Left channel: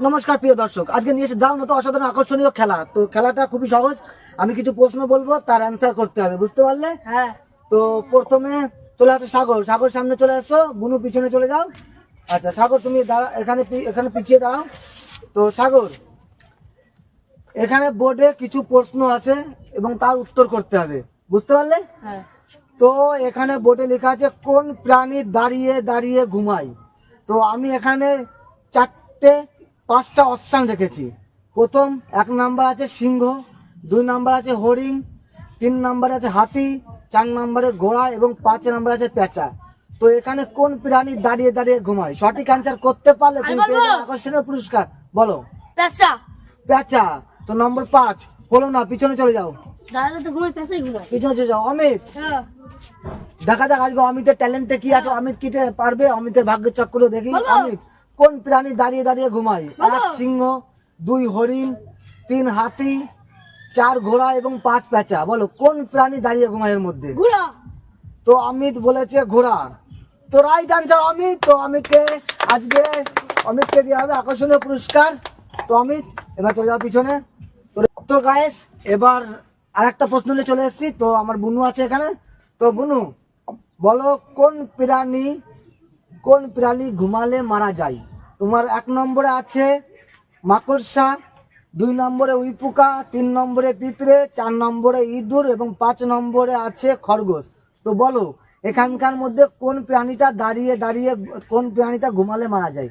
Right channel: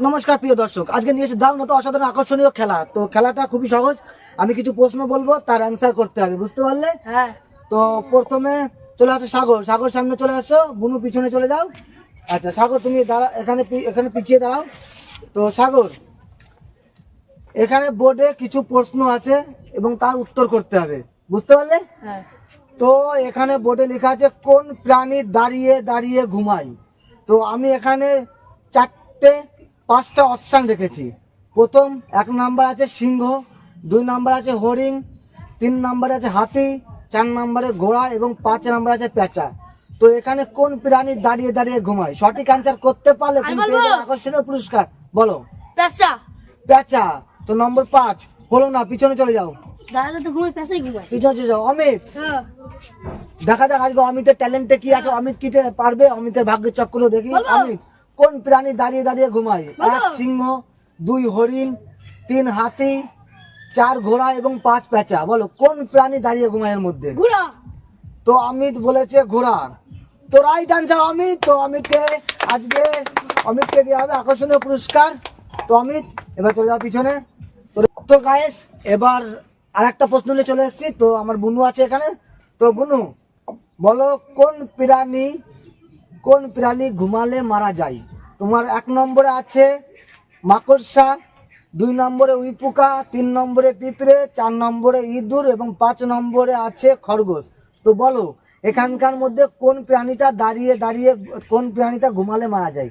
নমস্কার প্রিয় দর্শক, আজকে নিয়ে এসে দাও না তো অসাধারণ আকর্ষণীয় খেলা। তো খেলাটা খুবই সহজ, আমি কিছু প্রশ্ন বলবো, তার অ্যান্সার করতে হবে, বুঝতে পারলে? হ্যাঁ। তো প্রথমে চলে আসো সাগর। সাগর সামনে চলে আসো, বুনু পিছনে চলে যাও। আচ্ছা সাগর তুমি দাঁড়া, এখানে পিছিয়ে দাঁড়াও। তো সাগর, এখানে বোর্ডে কিছু প্রশ্ন আছে এবং তার উত্তর করতে হবে, বুঝতে পারলে? হ্যাঁ। তো এখানে বোর্ডে লেখা আছে কোন প্রাণী দাঁড়িয়ে দাঁড়িয়ে ঘুমায়। তো আমি এখানে পাঁচটা অপশান রেখেছি। প্রথম 1 নাম্বার আছে সিংহ, 2 নাম্বার আছে হরিণ, 3 নাম্বারে আছে হাতি, 4 নাম্বারে ঘোড়া এবং 5 নাম্বার আছে পেঁচা। তো এখানে কোন প্রাণী দাঁড়িয়ে দাঁড়িয়ে ঘুমায়? সঠিক অ্যান্সার করতে পারলে তুমি পেয়ে যাবে আকর্ষণীয় পুরস্কার। বলো। পেঁচা। পেঁচা। তো নম্বর 5 হলো না, পিছনে চলে যাও। দাদা তো ঘুমায়, পেঁচাই ঘুমায়। পিছনে চলে যাও। অমিত, হ্যাঁ। দেখা যাক আজকে অমিতের ট্যালেন্টে কি আছে, অমিত কি পারবে, অমিতের ভাগ্যের চক্র দেখি। বলো। অমিত, কোন প্রাণী দাঁড়িয়ে দাঁড়িয়ে ঘুমায়? বলো। 1 সিংহ, 2 হরিণ, 3 হাতি, 4 ঘোড়া এবং 5 পেঁচা। বলো কোন প্রাণী দাঁড়িয়ে ঘুমায় এর মধ্যে? ঘোড়া। তো অমিত বলেছে ঘোড়া। তো রাইট আনসার অমিত। তো অমিতকে দেওয়া হবে আকর্ষণীয় পুরস্কার। তো অমিত এবার চলে যাও পিছনে। তো গাইস, এবার আর একটা প্রশ্ন নিয়ে চলে এসেছি। তো আমার বুনু আছে এখানে। তো বুনু বলো, কোন প্রাণী ঘুমালে মারা যায়? তোমার 1 নম্বরে আছে মাকড়সা, 2 নম্বরে উইপোকা, 3 নম্বরে পিঁপড়ে, 4 নম্বরে ইঁদুর এবং 5 নম্বরে আছে খরগোশ। তো বলো এখানকার মধ্যে কোন প্রাণীটা দাঁড়িয়ে দাঁড়িয়ে, কোন প্রাণীটা ঘুমালে মারা যায়?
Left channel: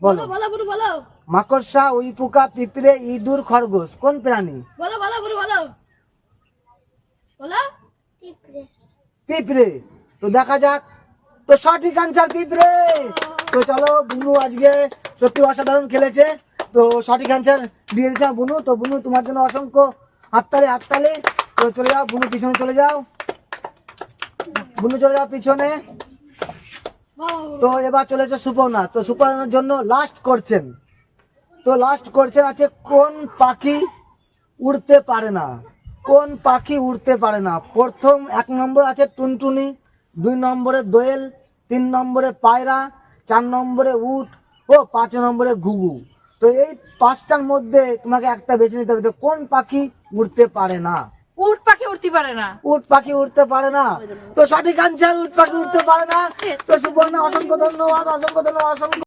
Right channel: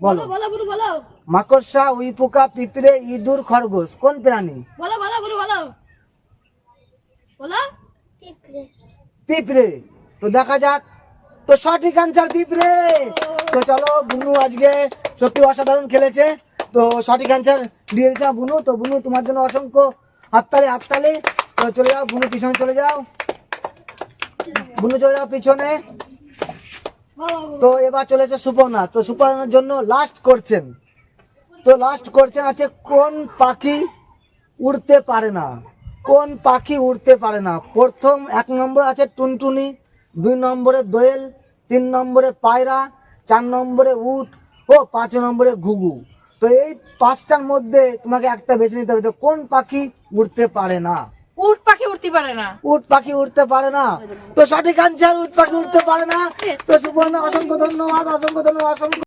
বলো। বলো বলো বলো মাকড়সা, উইপোকা, পিঁপড়ে, ইঁদুর, খরগোশ, কোন প্রাণী? বলো বলো বলো বলো বলো। পিঁপড়ে। তো দেখা যাক। তো সঠিক আনসার পিঁপড়ে। তো চলো, বুনু আজকে সত্যি অসাধারণ খেলেছে। তো সঠিক অ্যান্সার দিয়ে দিয়েছে বুনু। তো বুনু, তোমার জন্য অসংখ্য হাততালি। তো চলে যাও বুনু, পিছনে চলে যাও। বুনু চলে যাও পিছনে। তো এবার চলেছে সুপর্ণা। তো সুপর্ণার জন্য লাস্ট কোশ্চেন আছে কোন পাখি উড়তে পারে না? কোন পাখি উড়তে পারে না? প্রথম 1 নম্বর আছে টুনটুনি, 2 নম্বরে দোয়েল, 3 নম্বরে পায়রা, 4 নম্বরে উট ও 5 নম্বরে ঘুঘু। তো এই 5টার মধ্যে তোমাকে একটা বেছে নিতে হবে। তো কোন পাখি উড়তে পারে না? উট পাখি উঠতে পারে না। উট পাখি উঠতে পারে না। তো সঠিক আনসার উট পাখি উঠতে পারে না। তো সুপর্ণা অসংখ্য ধন্যবাদ, অসংখ্য ধন্যবাদ, অসংখ্য